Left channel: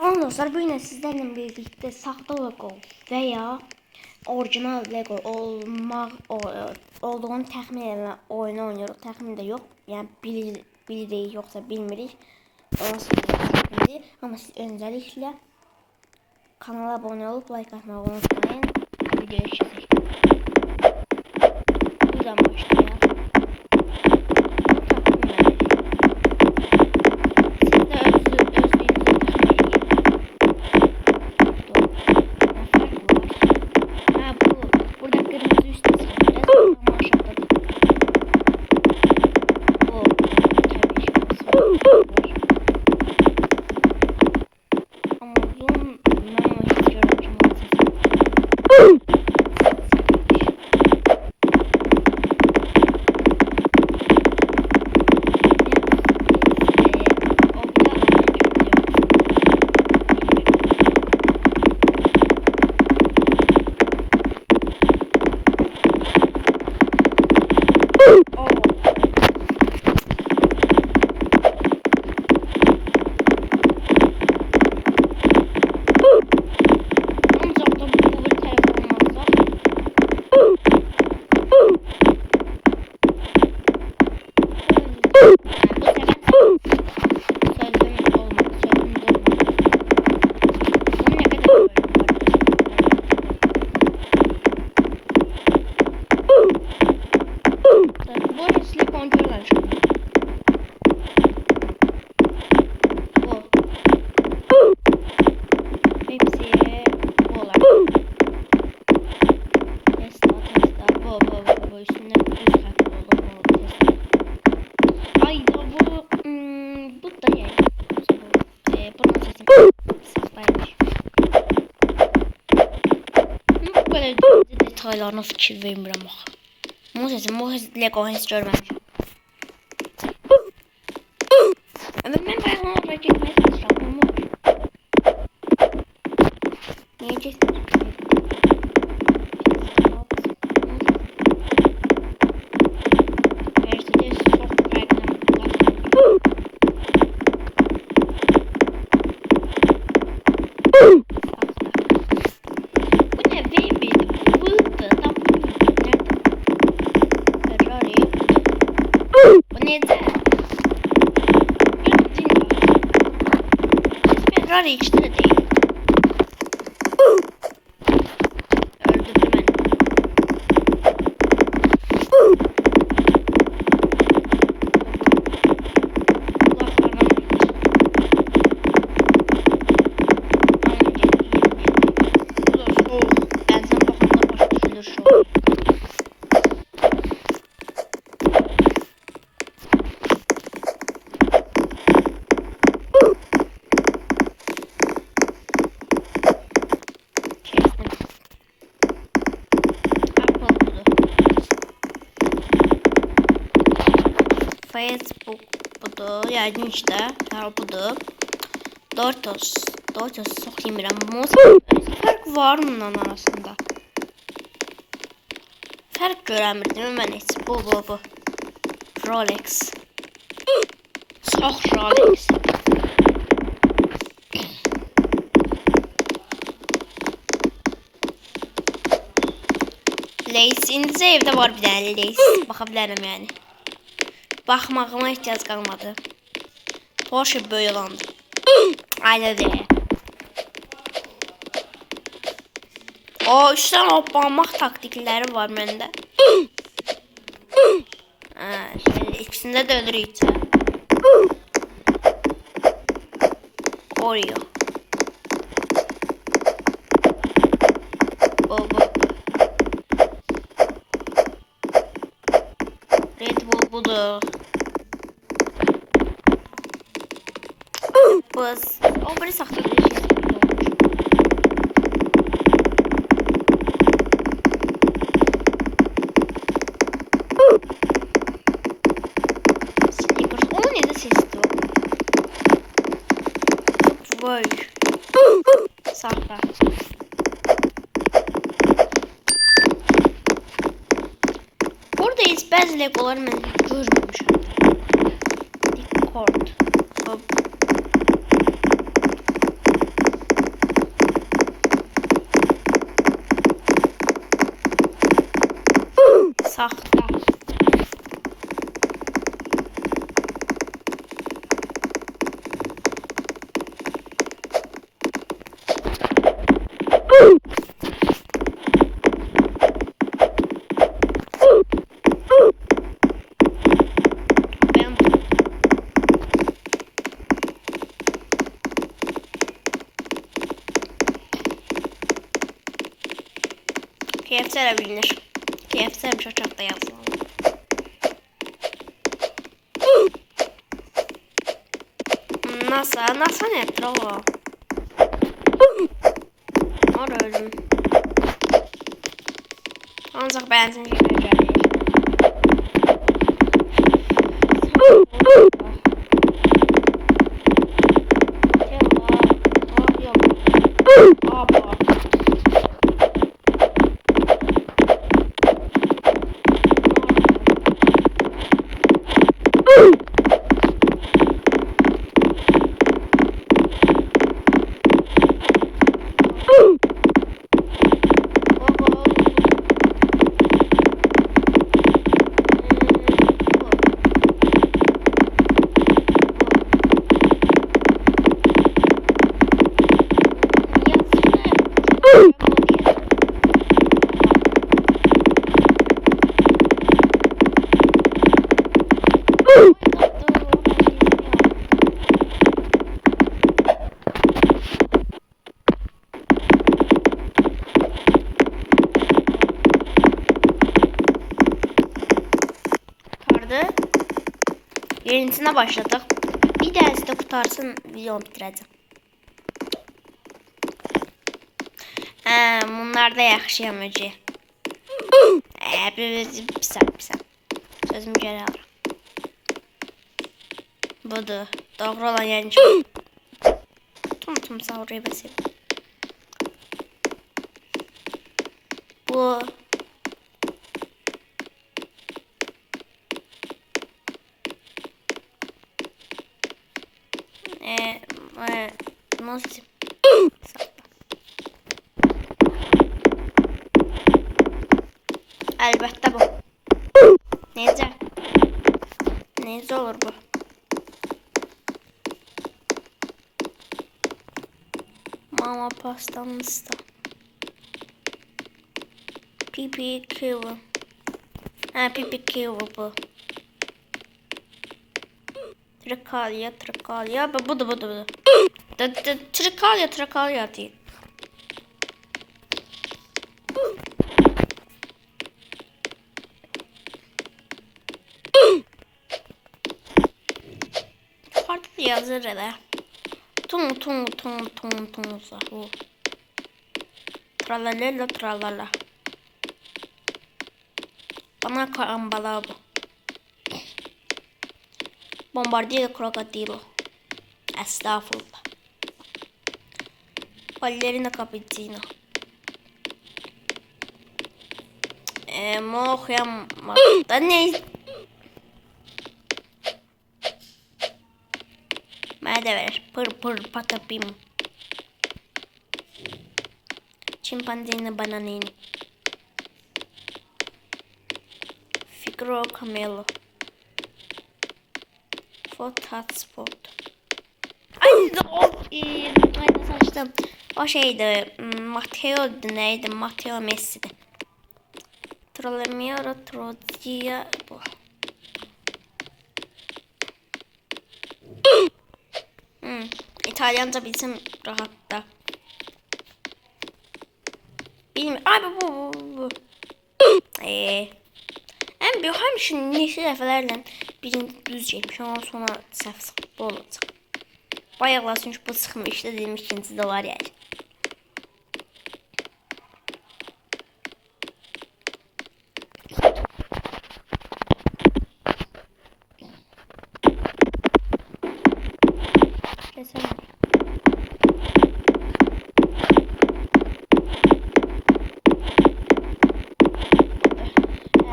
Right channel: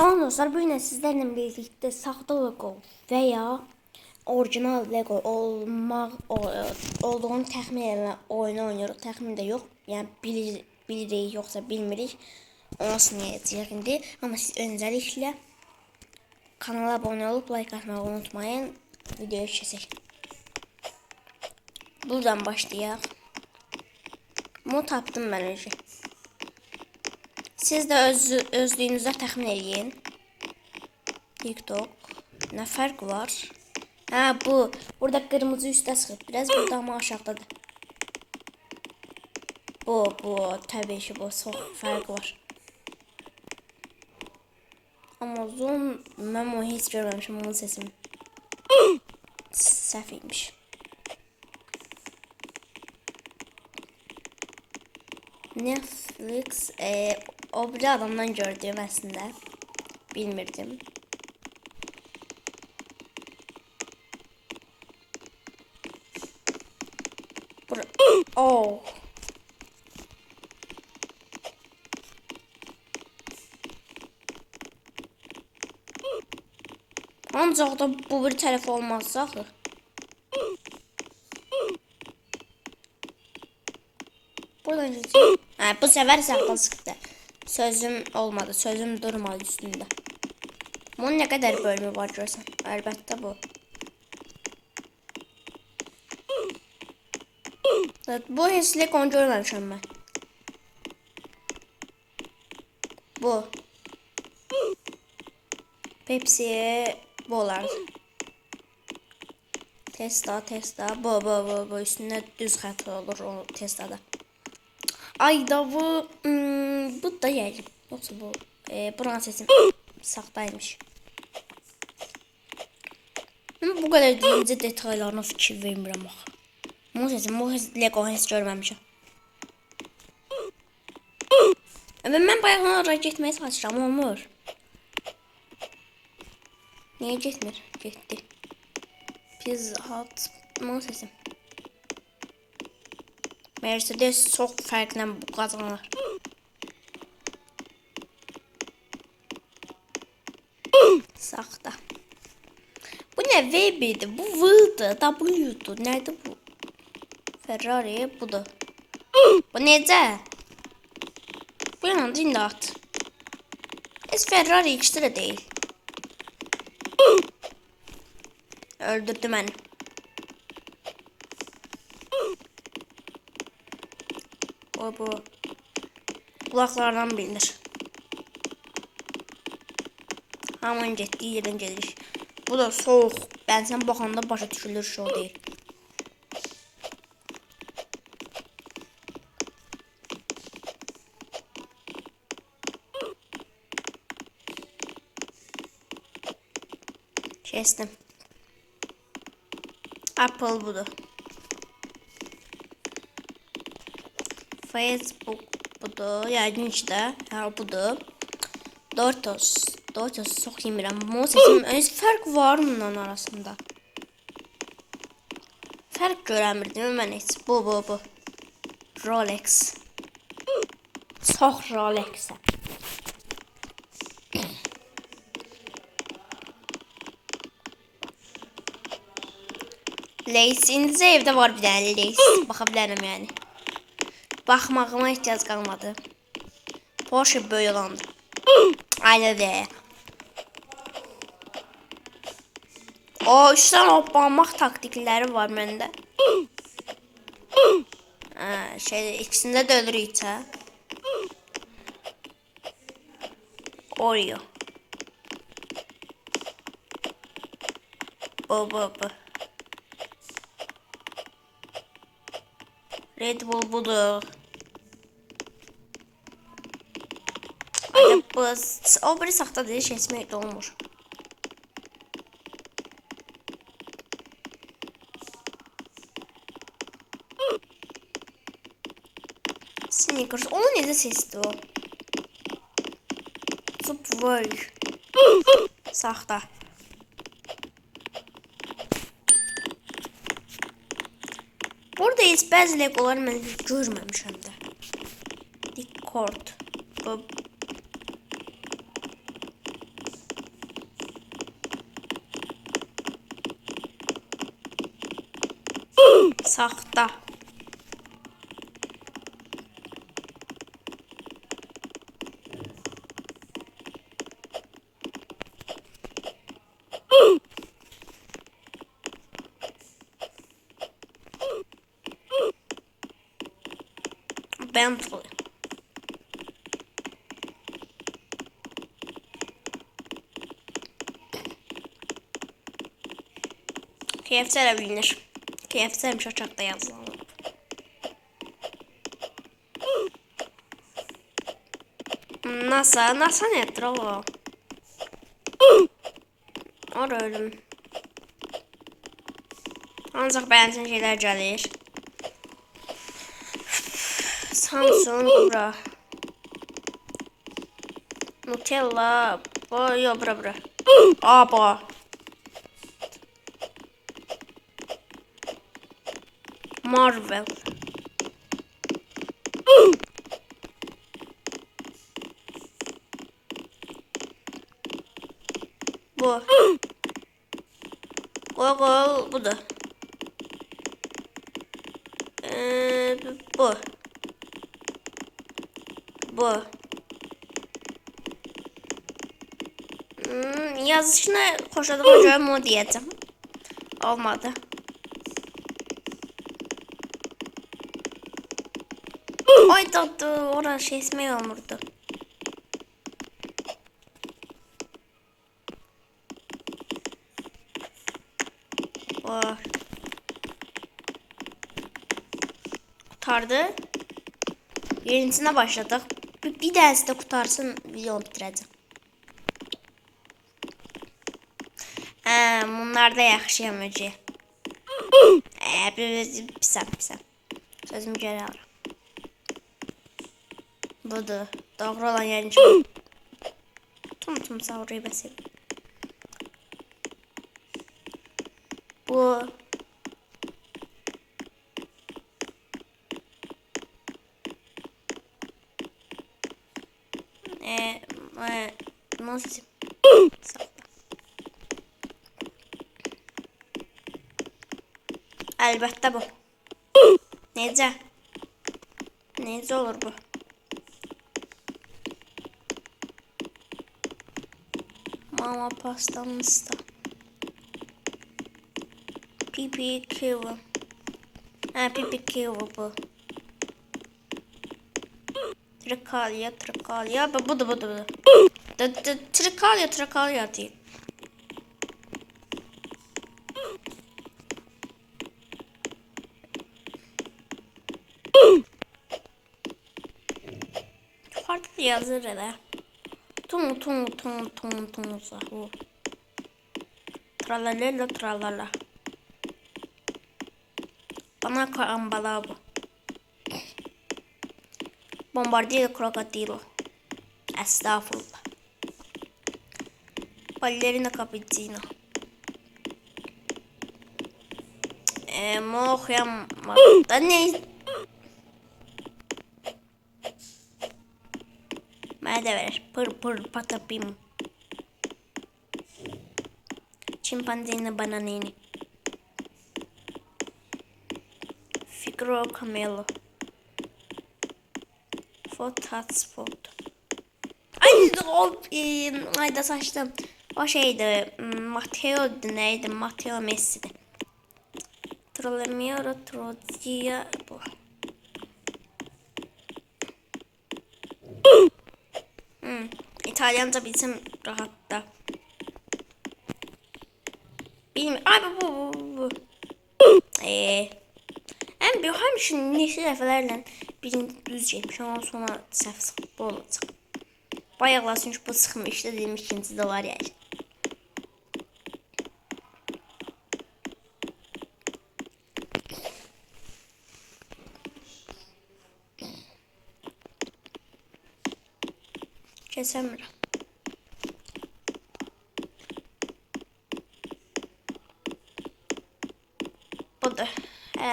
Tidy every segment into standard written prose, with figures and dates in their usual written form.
Salam dostlar, bugün sizlerle birlikte sahte Lego veya orijinal Lego olduğunu təxmin etmə oyunu oynuyoruz. Təxmin də yox, yəni bilirik yoxsa bilmirik. Orası çəkindi. Amma siz öncəliklə kanala abunə olub like atmağı unutmayın. Videoya keçək. Buradan başlayaq. Bunu tapdım mən. Siz də özlüyünüzü təxmin edin. Ne fark var? Ha bu. Burada kırmızı üstte sıra. Biraz burada ama aşağıdadır. Bu. Tabii ki bu. Fark var. Ama uzun. Ben onu hiç görmemişim. Onun sesi. Sefilmiş. Netflix. O bir adamdan gördüğüm aslında. Bilmirdim. Oh. Ancaq da bu bir telefon olmazsa. Bu sefer saklasıydı. Sözüm olmadı. Sözüm durmadı üstünde. Bunun ne kadar bölümü var görürsen. Elbette bu. Bu heslik onu görmemişim ben. Bu. Hepsi bu olarak. Tesla. Bu üstünde düz xətt olur o Tesla'da. Ay da bu da yer. Yoksa bu buranın sesim saxtaymış. Bu kadar deyince detaylarına fikir vermirəm axı. Bu Lego heç görməmişəm. Mən bayaqdan oraya getməyə çalışıram, olmur. Niyə getmir? Pizza Hut. Bunun sesi. Mercedes çox fərqlə qazanır. Saxta. Bu nə V1'di? Bu V-dı, W-dı. Nədir bu? Ferrari budur. Bu necə? Bu yanında indi at. Biz Ferrari ikisi də deyil. Öldürdü məni. Bu. Kulaklardan bilinir. Aman getdi, yerin gelir. Bu da soğuk. Əlsən baxanda başa düşülür şey değil. Kestim. Apple budur. Facebook budur. Yəqin işte. Ha budur. Doritos çox yemirəm. Bunun sesim özü fərq var bundan arasında. Fərq görəmirdim mən heç. Bu. Rolex. Çox Rolex. Lays. İndi evdə var bir dənə Lays. Baxa bilərəm yəni. Baxmağıma ehtiyac qalmadı. Porsche böyle olandı. Aynen de. O üstten hoppanmaq taktikləri var məndə. İkisində də ölürük. Oreo. Bu. Red Bull budur. O biri saxta bir şey esməkdə olmuş. Snickers. Onun necə sesdir o? Subway. Saxta. Burada heç bəzi Legoları mən görməmişəm. Record. Saxta. Ben KFC bilinir. KFC'miş uçakta yazılan. NASA nedir o? Orada ölüm. Ancak beğensin şeyler gelir. Samsung bura. Nutella. Yok bura. Aba. Marvel. Yenisine başladık. Bir tanesi de kurtarsın videomu bitireceğim. Bunlar da yaxşı emoji. Bir saniye. Sözümü geri alıram. Budur. Doğru olan yani çok. Tum savrayı basayım. Bu. Nasıl? Elbette bu. Nece olur bu? Mama pastamız da. PPQ. PPQ bu. Trikalya. Bu da. Trikalya değil. Farklı yazır da. Tung sahu. Tralala. Bana karambala bu. Bombardier krokodilo. Estağfurullah. Ballerina cappuccino. Mohyam. Ne? Bana da verir. Pır patapim. Çimpanzini bananini. Figro camelo. Hotspot. Ay da saçtım. O şeydi. Matteo'du neydi? Matteo Messi'di. Trollemiyorum. Trodia bu. İtalyanca bilsem rahatta. Bilmiyorum. Ay bu. Hem şu neşe dəfələrlə birinci düz geçmiş, ondan sonra səhv sıxıb olacaq. Bayaqlar çünki bu sıxmışdı, dedim ikinci də var yəni. Kesemir. Budur.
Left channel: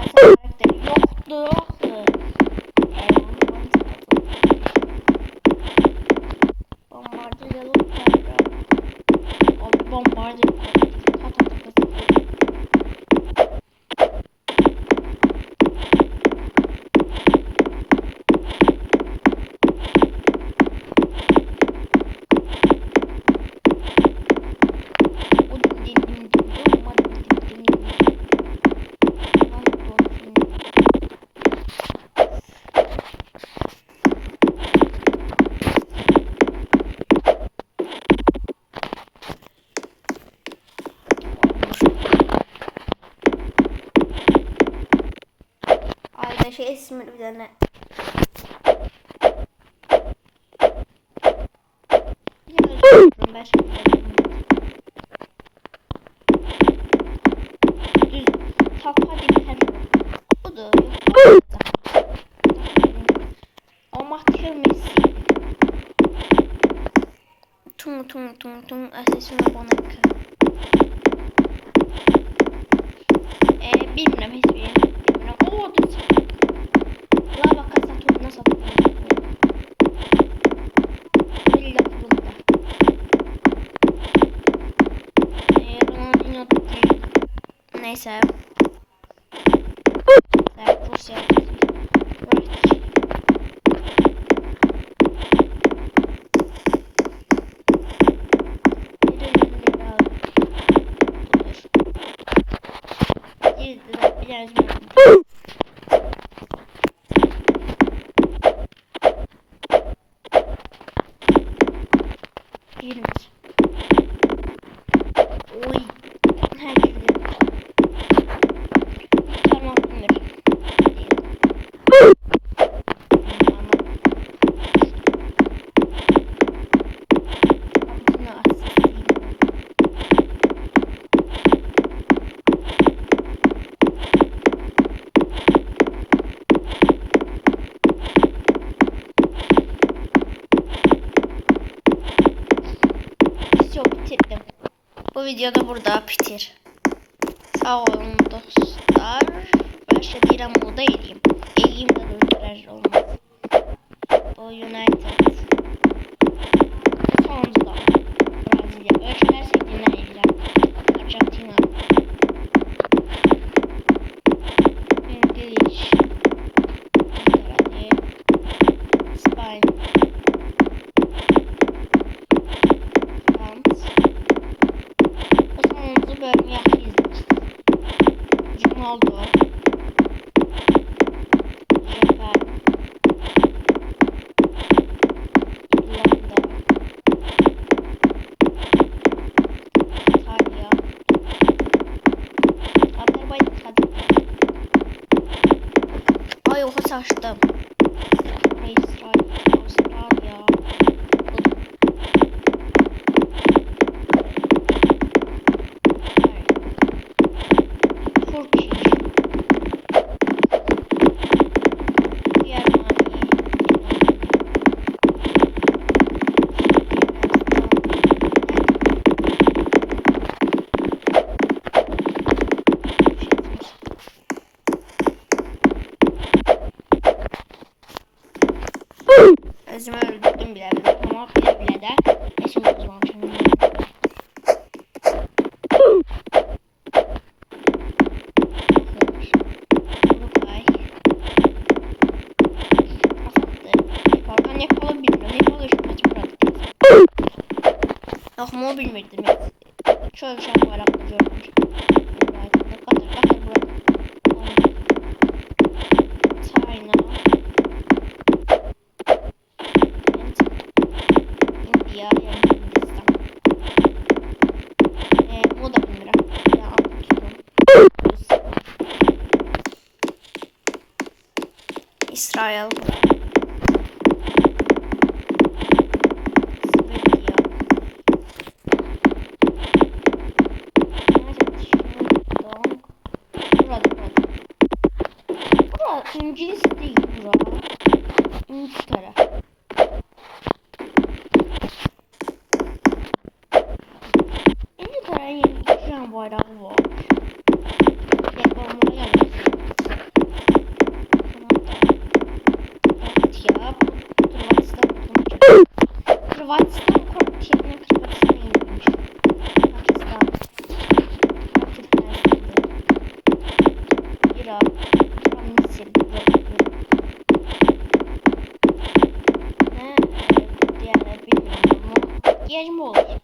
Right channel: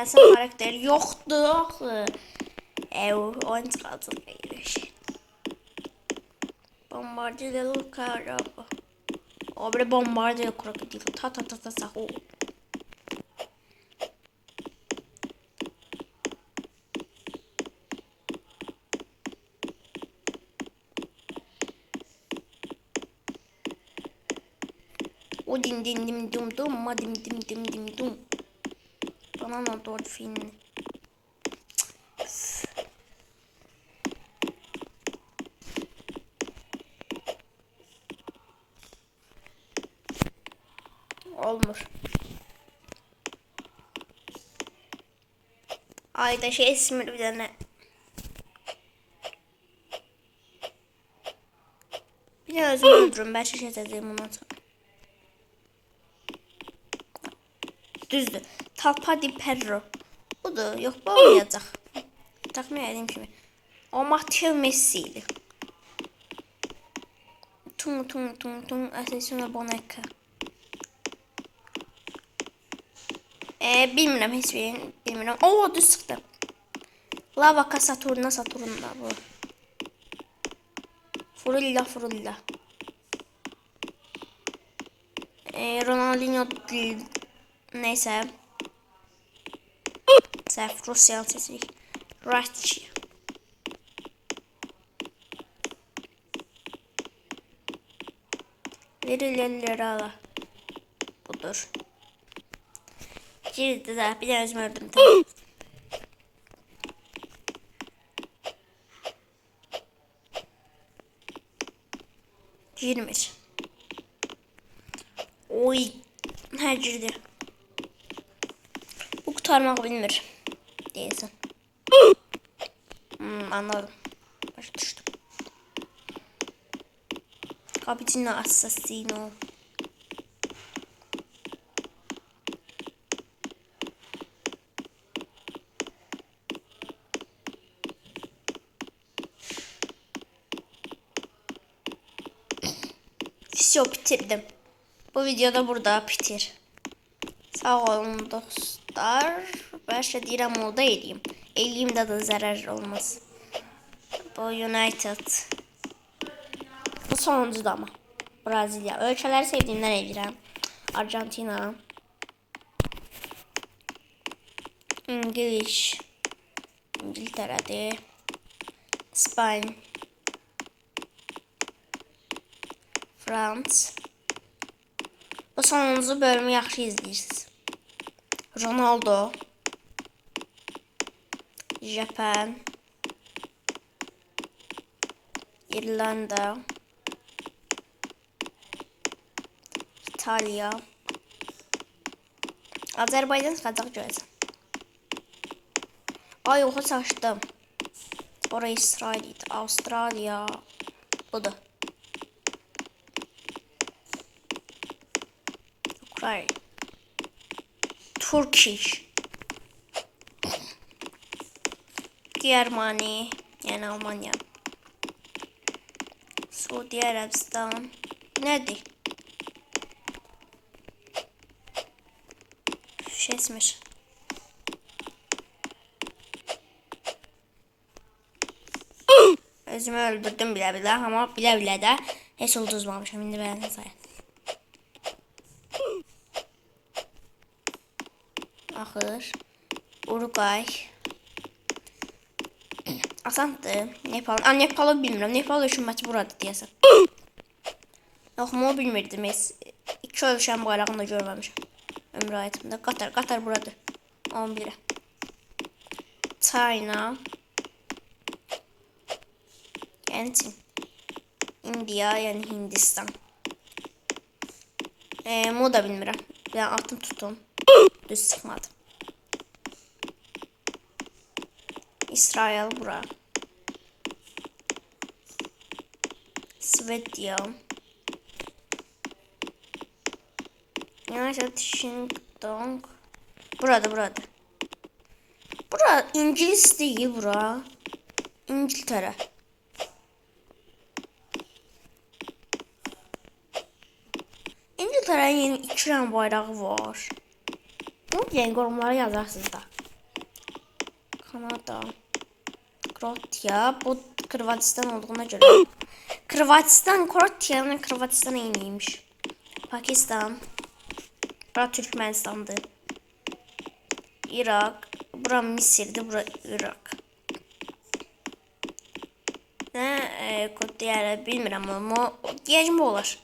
Sen karakteri yoktu. Oyun çıkardım. Bombardier de Lucara. Obre bombardier krokodil. Ta sahu. Bu din din dim dim dum ma dim dim dim dim dum. Tamam doğru film. Olmuş. Ayda şey ismi bir tane. Bir de özür dilerim ben şey dedim. Düzdür. Talpa di Perro. O da yok bu olacak. Takmayayım şimdi. O Matteo Messi'ydi. Tung tung tung tung. Asesino Boneca. Bilmiyorum hiçbir. Bilmiyorum. Oo düz sıktı. Lava Saturna Saturna. Furilla Furilla. Ronaldinho değil. Neyse. Sef Rusya sesi. Right. Lira. Budur. Girdi de bir de özmürdüm. Girmiş. Oy. Her girdi. Bu kurtarmak bilmir. Neyse. Anladım. Capitino Assassino. Video bitirdim. Bu videoda burada bitir. Sağ olun dostlar. Ben şey direm oldu eləyim. Eləyim de zarar olmaz. Bu United. Bu sonuncu da mı? Brezilya. Ölkələri sevdiğimden eləyirəm. Argentina. İngiliz. İngiltere'de. İspanya. Frans. O sonuncu bölümü yaxşı izləyirsiniz. Ronaldo. Japan. İrlanda. İtalya. Azerbaycan Kazakistan. Ay oha saçtım. Oraya İsrail. Avustralya. Bu da. Hayır. Turkish. Germany. Yani Almanya. Suudi Arabistan. Nerede? Şeysmiş. Özümü öldürdüm bile ama bile de esim tuzmamışım. Bakır. Uruguay. Asantı. Nepal. Nepal'ı bilmiyorum. Nepal şu maç burada diyesem. Yok mu bilmirdim. İki ölçen bayrağını da görmemişim. Ömrü hayatımda. Katar burada. 11. China. And India yani Hindistan. Mu da bilmirəm. Ben altın tutum. Düz sıkmadım. İsrail bura. Svedya. United Kingdom. Burada. Bura İngiliz değil bura. İngiltere. İngiltere'nin yeni 2 tane bayrağı var. Bu renk onlara yazarsınız. Kanada. Kroatya. Bu Hırvatistan olduğuna göre. Kroatya'nın Hırvatistan'a yeniymiş. Pakistan. Bura Türkmenistan'dı. Irak. Bura Mısır'dı. Bura Irak. Ne? Diğer bilmiyorum ama diyeceğim olur.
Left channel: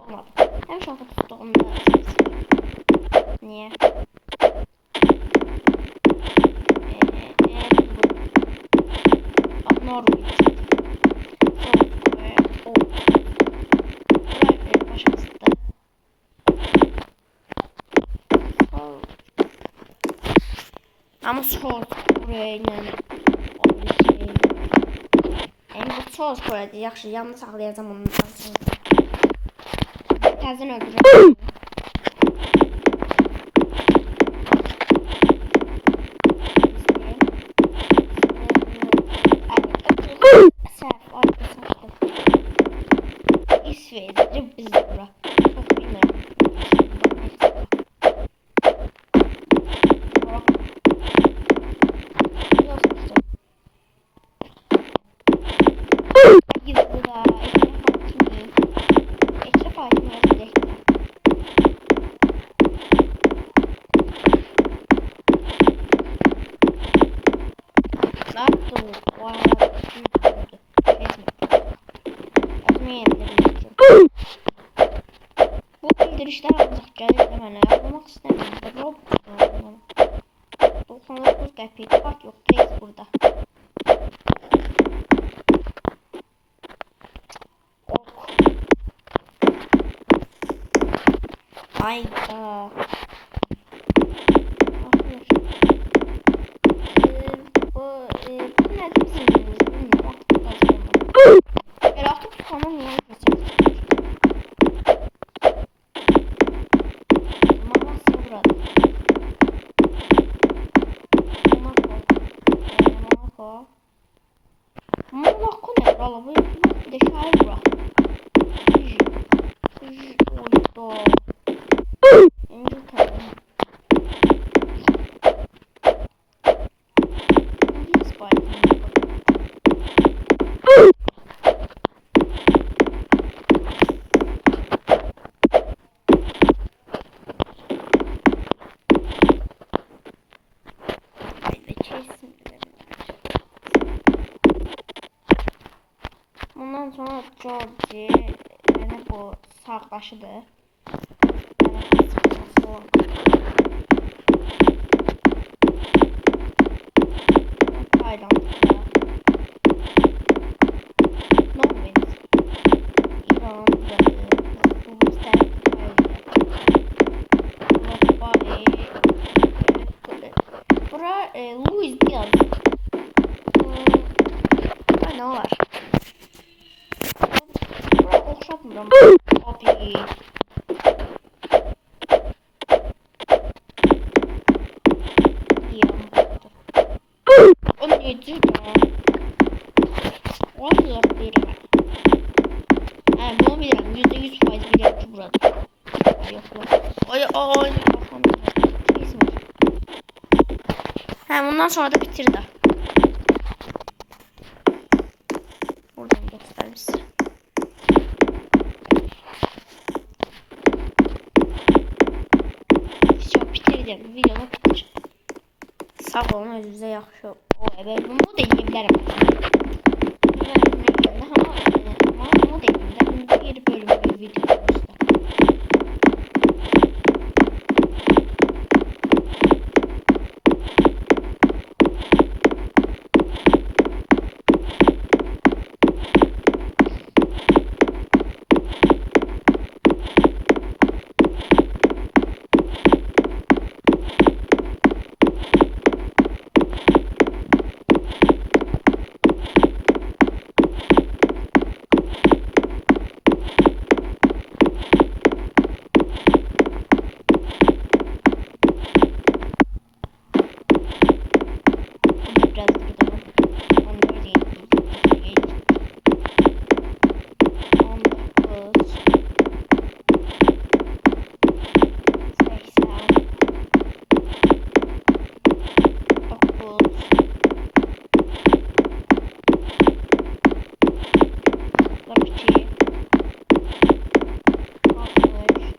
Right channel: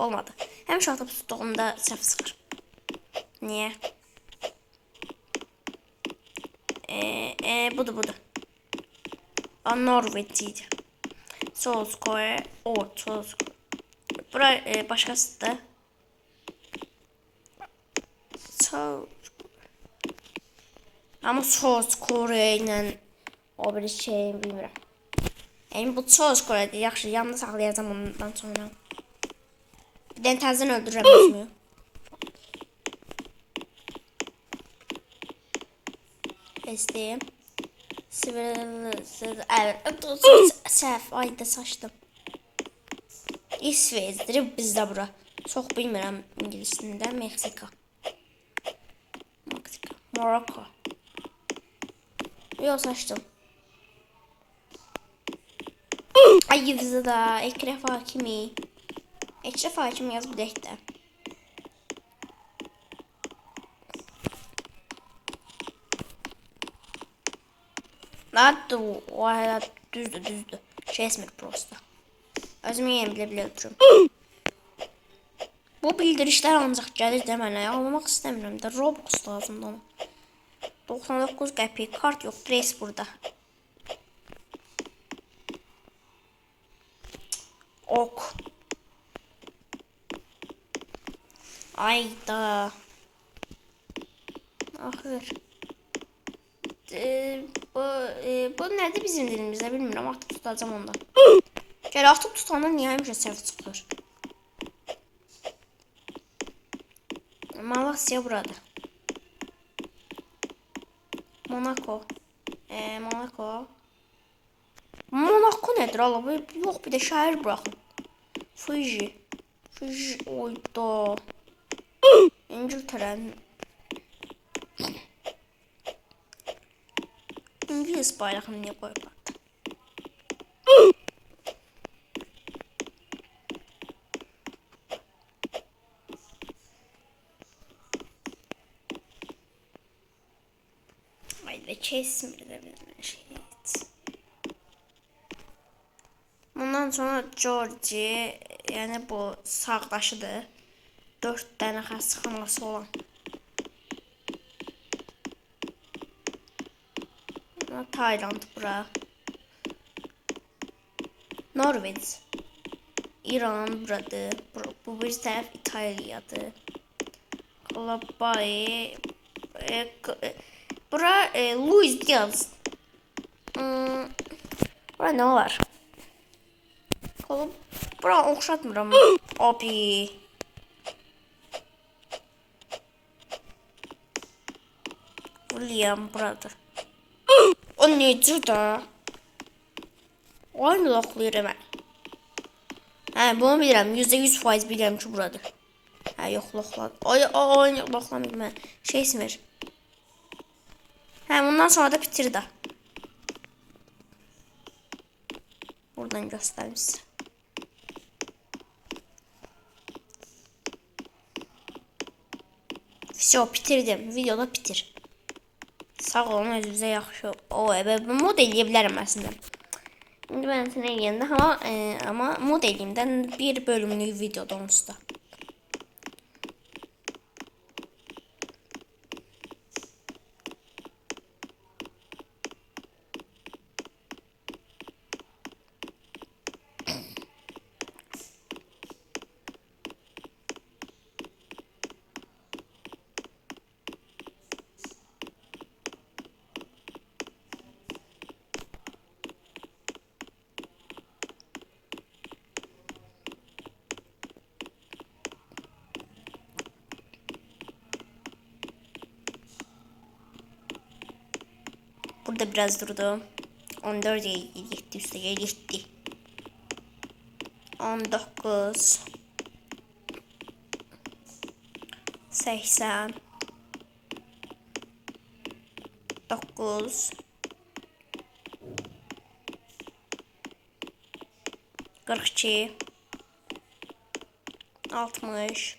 Olmadı. Hem çatıb tutduğumda səhv çıxır. Niyə? Budur. Norveç idi. Solskjaer, Ortoz. Bura başqasıdır. Ama Solskjaer ilə o bir şey bilmirəm. Yəni bu Solskjaerdir. Yaxşı, yanında saxlayacağam ondan sonra. Bir də təzən öldürürəm. Səhv, ayda saçdım. İsveçdir, bizdə bura. Çox bilmirəm ingilisində. Meksika. Morocco. Yox, saçdım. Ay, yıldızı da. Ekref Hakimi. Ekref Hakimi yaz bir də. Hatta o hayat düzdü. Şey ismi prosta. Özümü yiyebiliyorum. Bu bildirişler ancaq gəlir də mənə. Almaq istəmirəm də. Robux lazımdır ona. 99 qəpik kart yox. Trace burada. Ok. Ayda. Ahır. Bu nədir bizim dilimizdə bilmirəm. Artıq tutacağım ondan. Gəl artıq tutandan niyə həmişə səhv çıxır? Malasya buradır. Monaco. Monaco nədir? Allah, yox, bir də şəhər bırax. Fuji. Oyda. İngiltərənin. İngiliz bayrağını niyə qoydu? Haydi kesmir. Bundan sonra Georgie, yəni bu sağdaşıdır. 4 dənə xəstəxanası olan. Tayland bura. Norveç. İran buradır. Bu bir tərəf İtaliyadır. Labay. Bura Luis Diaz. Ne var? Bura oxşatmıram. Abi. Liam buradır. O necə də? Aynı loxlayır mən. Bunu bilirəm. %100% bilirəm ki, buradır. Yox, loxlar. Aynı loxlamır mən. Şey ismir. Bundan sonra da bitir də. Buradan göstərim sizə. Все, bitirdim. Videoda bitir. Sağ olun, özünüzə yaxşı. Bu mod eləyə bilərəm əslində. Müvənnətin eləyəndə, amma mod eləyimdən bir bölümlük videodan usta. Biraz durdu. 14 gitti. 19 80 9 42 60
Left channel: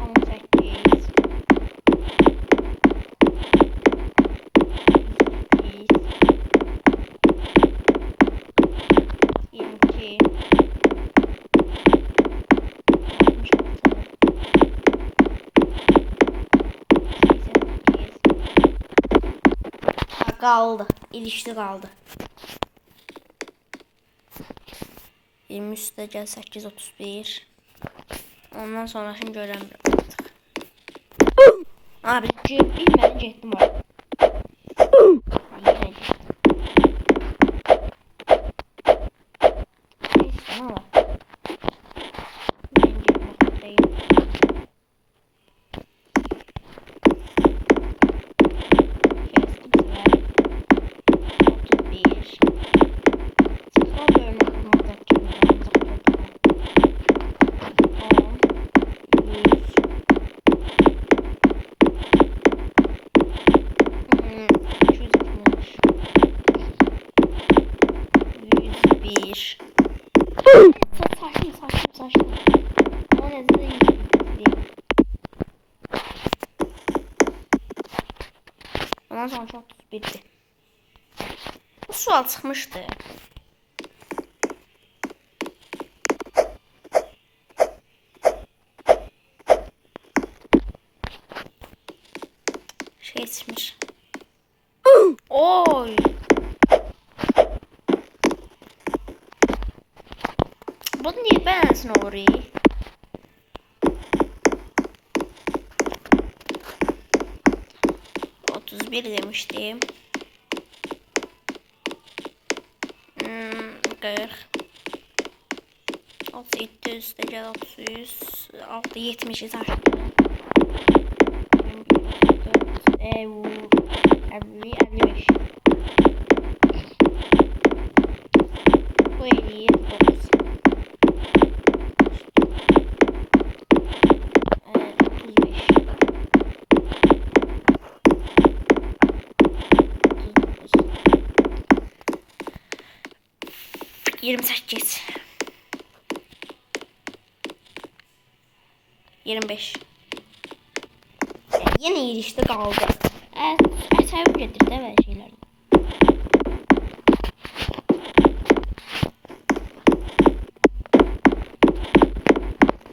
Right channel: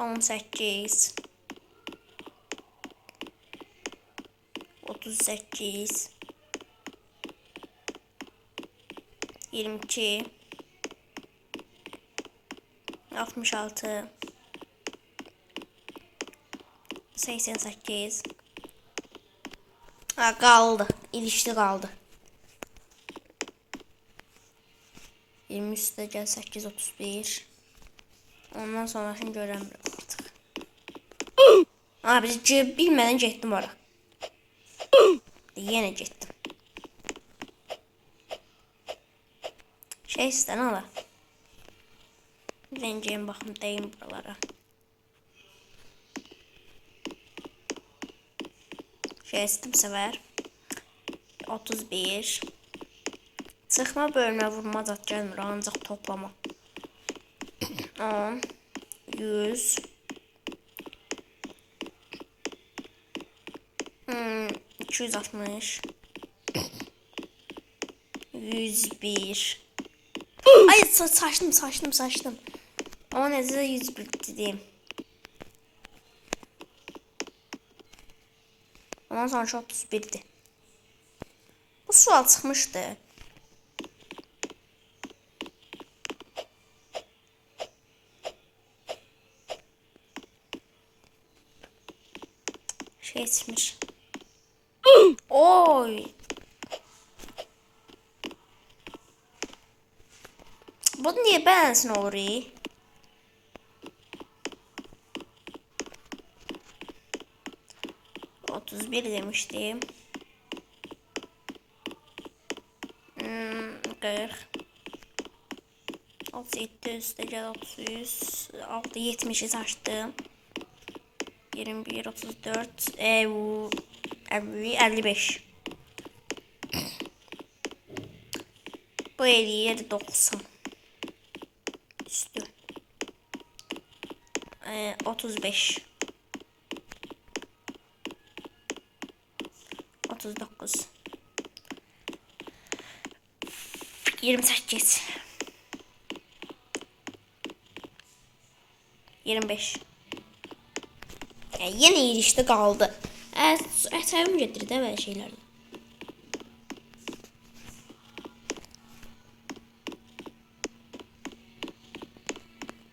18 22 Qaldı. İlişdi qaldı. 20 üstə gəl 831. Ondan sonrasını görəmirəm artıq. Biz bilmədən getdim var. Yenə getdim. Şey istən ala. Dencəyim baxım deyim. Şey istəm səvər. 31. Sıxma bölünə vurma zat gəlmir. Ancaq toplama. 10. 100. 260. 101. Ay saçtım. O nezle 101 diyeyim. Ondan sonra şu 31'di. Bu sual çıkmıştı. Şey çıkmış. Oy. Bu niye bensin orayı? Bir demiştim. 40. 37 üstəgəl 30. 6 70'i saçdım. 21 34 50 55. Bu 57 90. 35. 39. 28. 25. Yine ilişti kaldı. Əsəbim gedir də belə şeylərdə.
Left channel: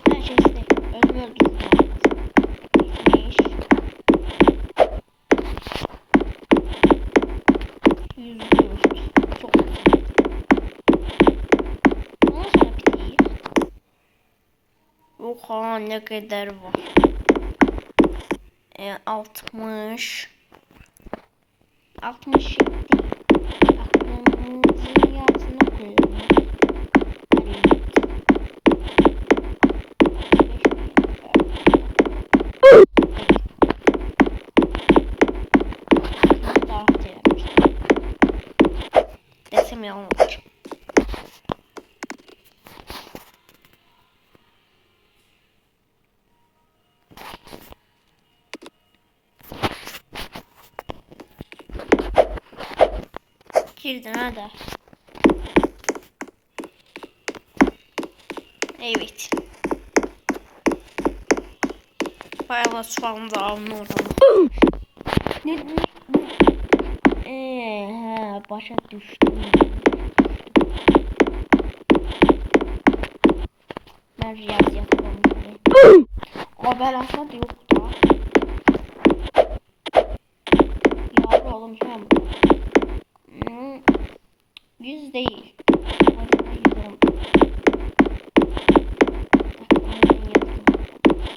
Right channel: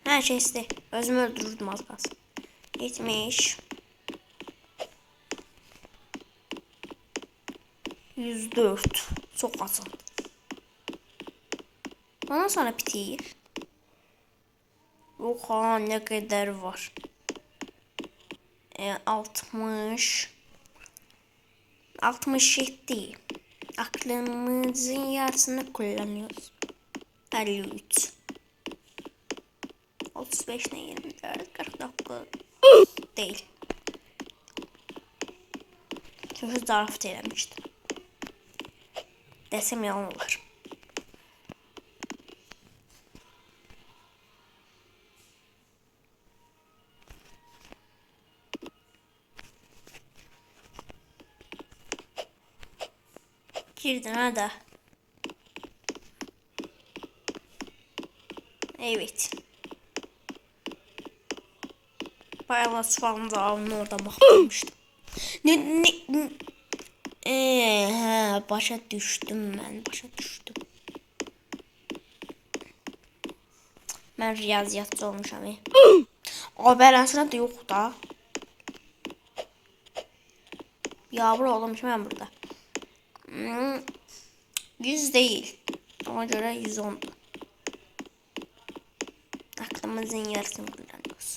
Hər şey istəyir. Özümü öldürürdüm az qalsın. 70. 104. Çok az. Ondan sonra bitir. Oha ne kadar var. 60. 67. Aklımızın yarısını kullanıyoruz. 53. 35 ne 24. 49. Değil. Şimdi zarf denemiştim. Desem yalan olur. Girdin hadi. Evet. Bayağı sualını da alın oradan bakmıştım. Başa düştüm ben. Ben riyaziyatçı olmuş abi. O beransına da yok da. Yavru olmuş ben burada. 100 değil. Ona göre 110. Aklımızın yarısını kullanıyoruz.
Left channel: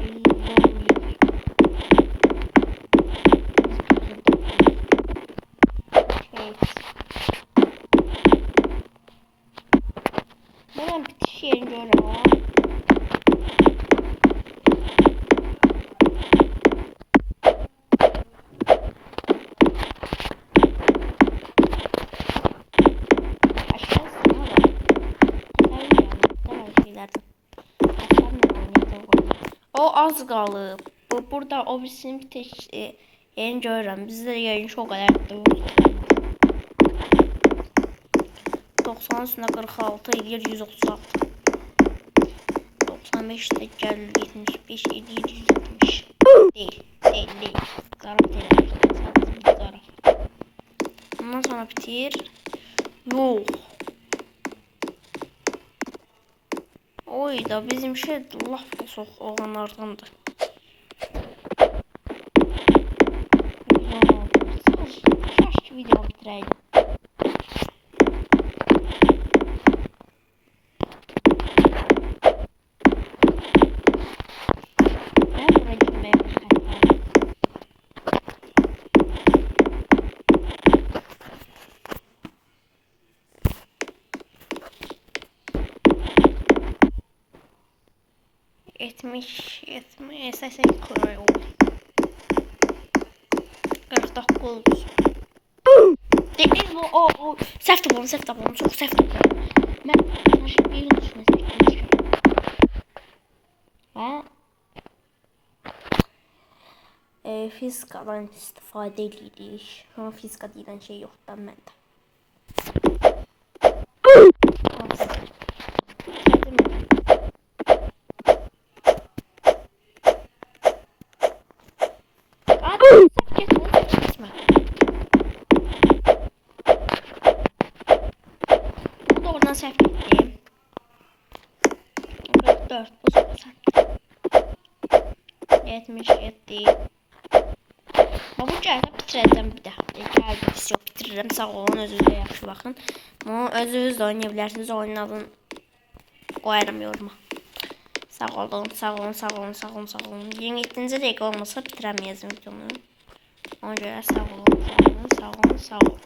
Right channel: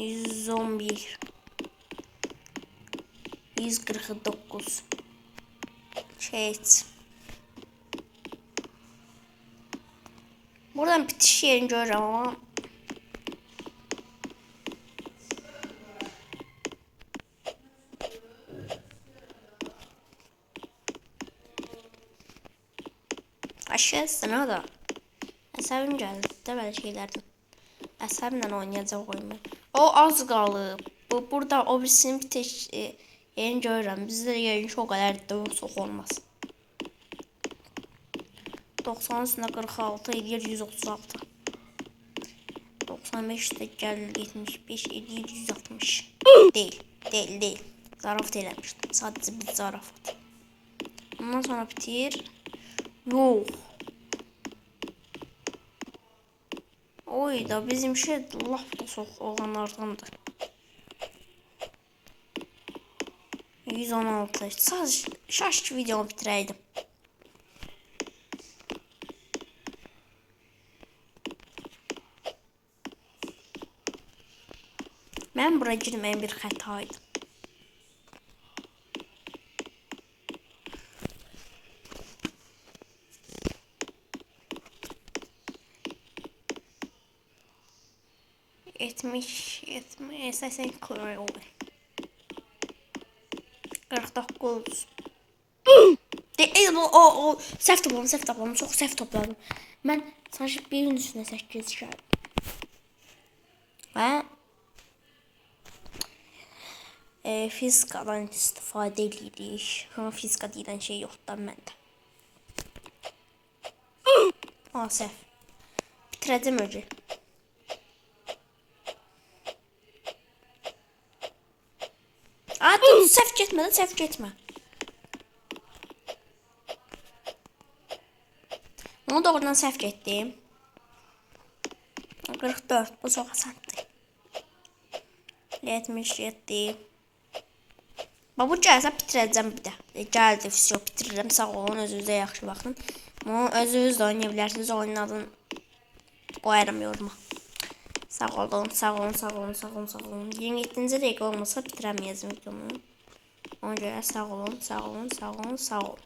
111. 149. Evet. Buradan bitiş yerini görüyorum ama. Aşağısına da. Əsəbim gəldi də belə şeylərdən. Əsəblə oynayacaq oyunu. O az qalıb. Burada o birisini bitiş yerini görürəm. Bizdə yerin o qədər də çox olmaz. 90 üstünə 46 edir 136. 95'te gəlir 75 edir 160. Değil. Zarafat eləmişdim. Sadəcə bir zarafat. Ondan sonra bitir. Yok. Oy da bizim şey laf soğuk olanlardandır. 516. Şaş video bitirəydim. Mən bura girməyə bir xətaydım. Yetmiş, 80 koyuyor. 49. Değil bu o səhv topladım, çox səhv topladım. Mən sanki birin üstünə 8 şey. Və fizikadan istifadə edirik. Amma fizika deyilən şey yoxdur məndə. Hansı? Bitirəcəm öyle. Səhv getmə. Bunu doğrudan səhv getdim. 44, bu çox asandır. 77. Bu gəlsə bitirəcəm bir də. Gəldi, все, bitirirəm. Sağ olun, özünüzə yaxşı baxın. Bunu özünüz də oynaya bilərsiniz. Oyunun adını qoyarım yoruma. Sağ olun. 27-ci dəqiqə olmasa bitirəməyəcəm videomu. Ona görə sağ olun.